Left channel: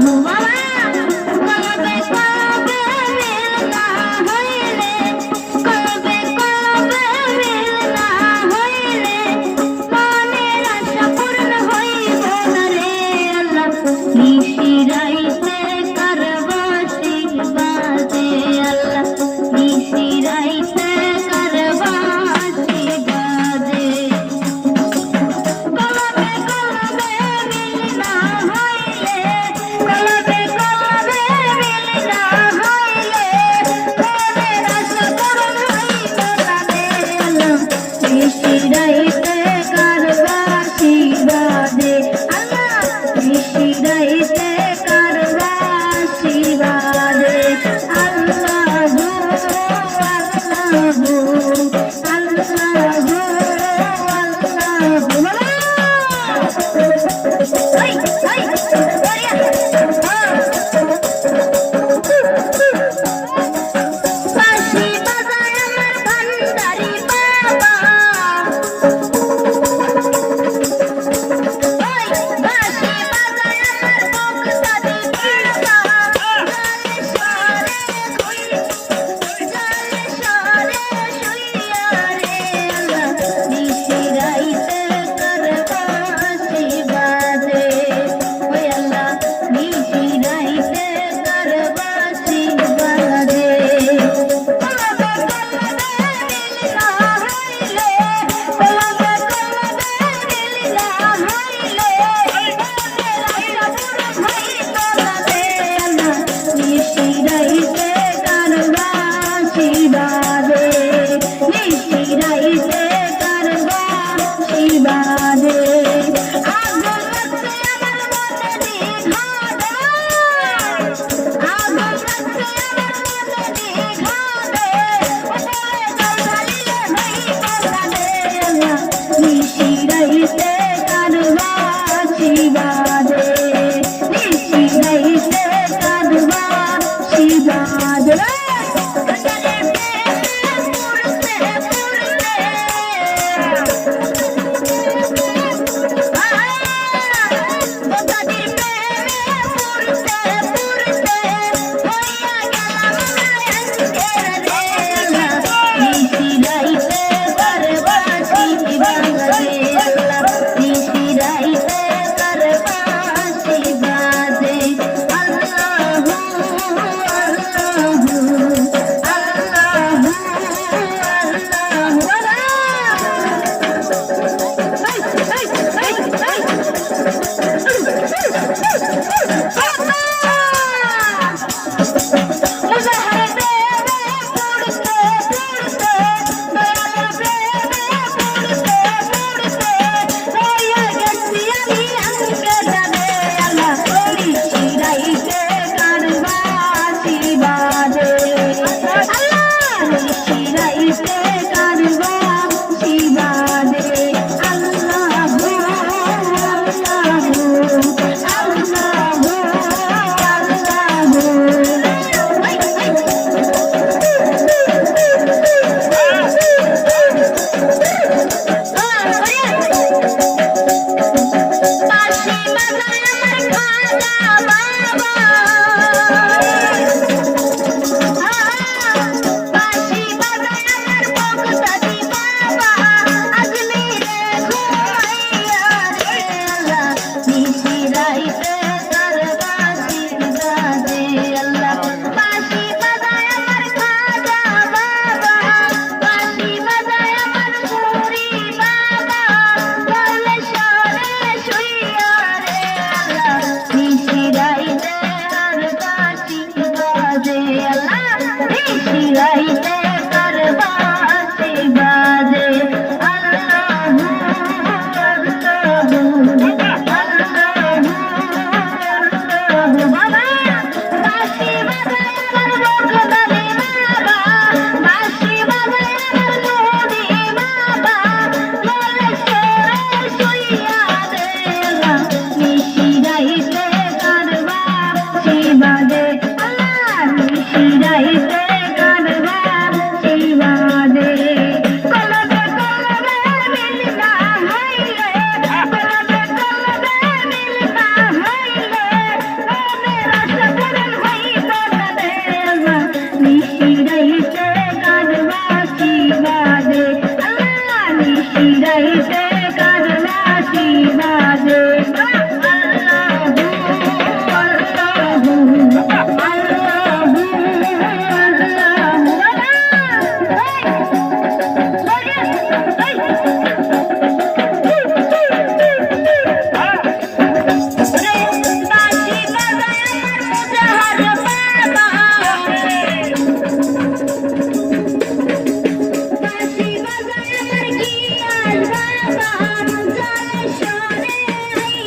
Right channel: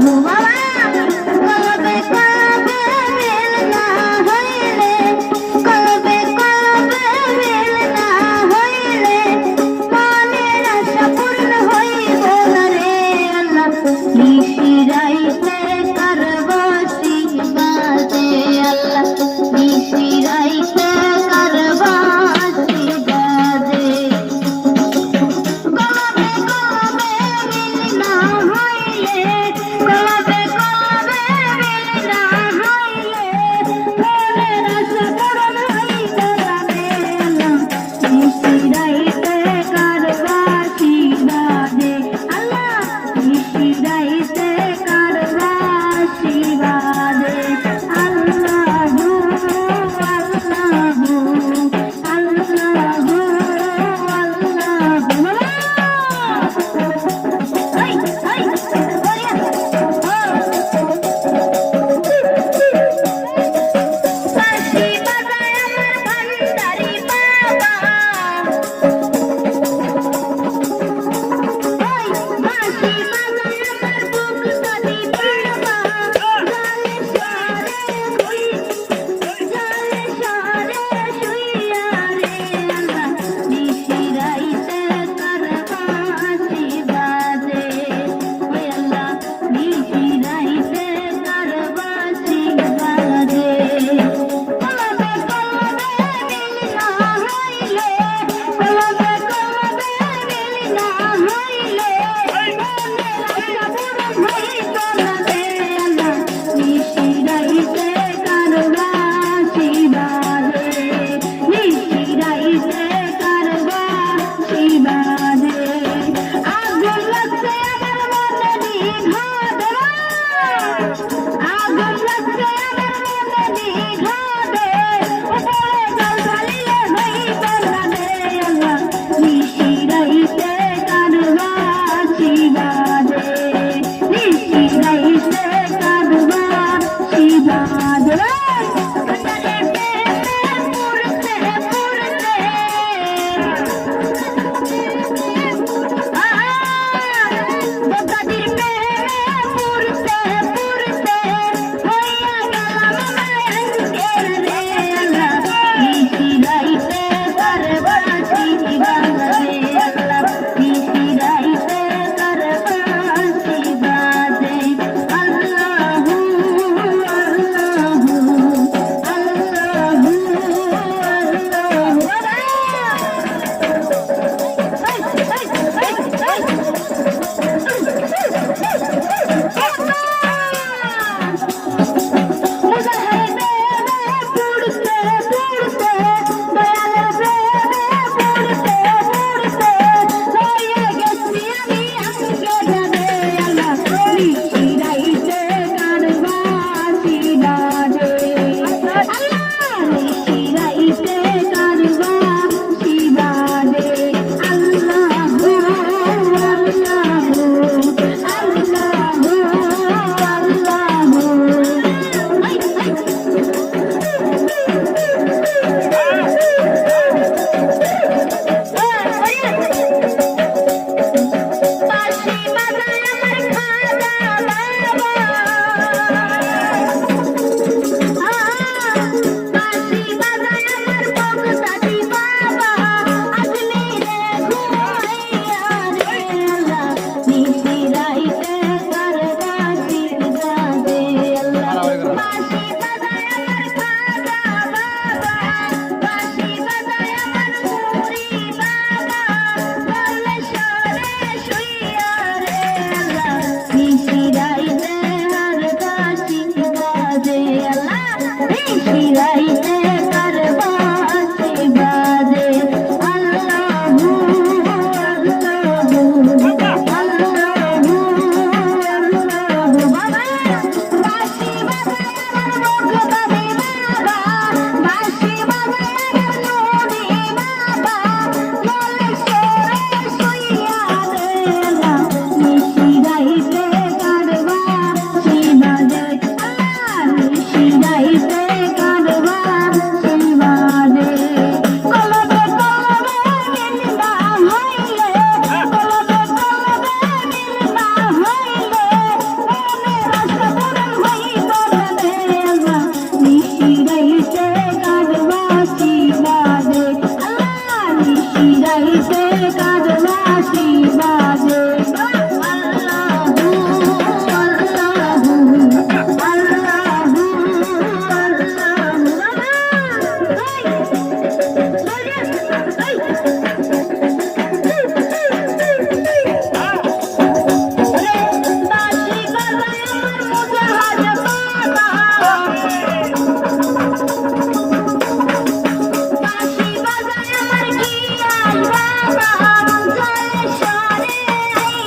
Whoa. Hey!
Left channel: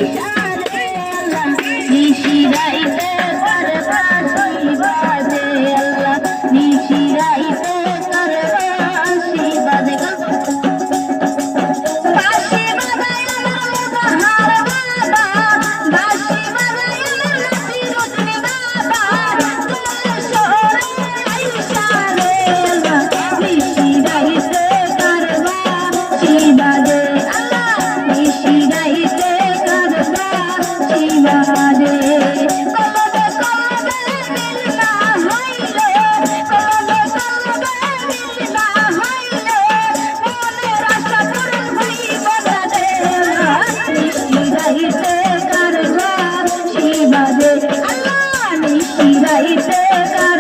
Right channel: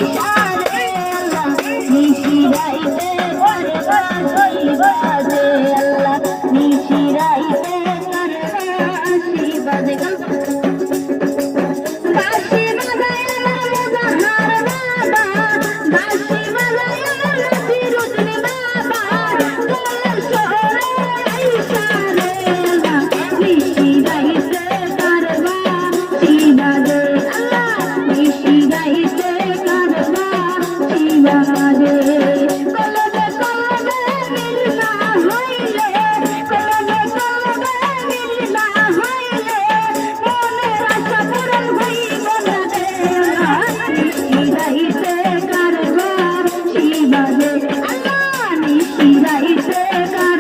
Yeah. Thank you.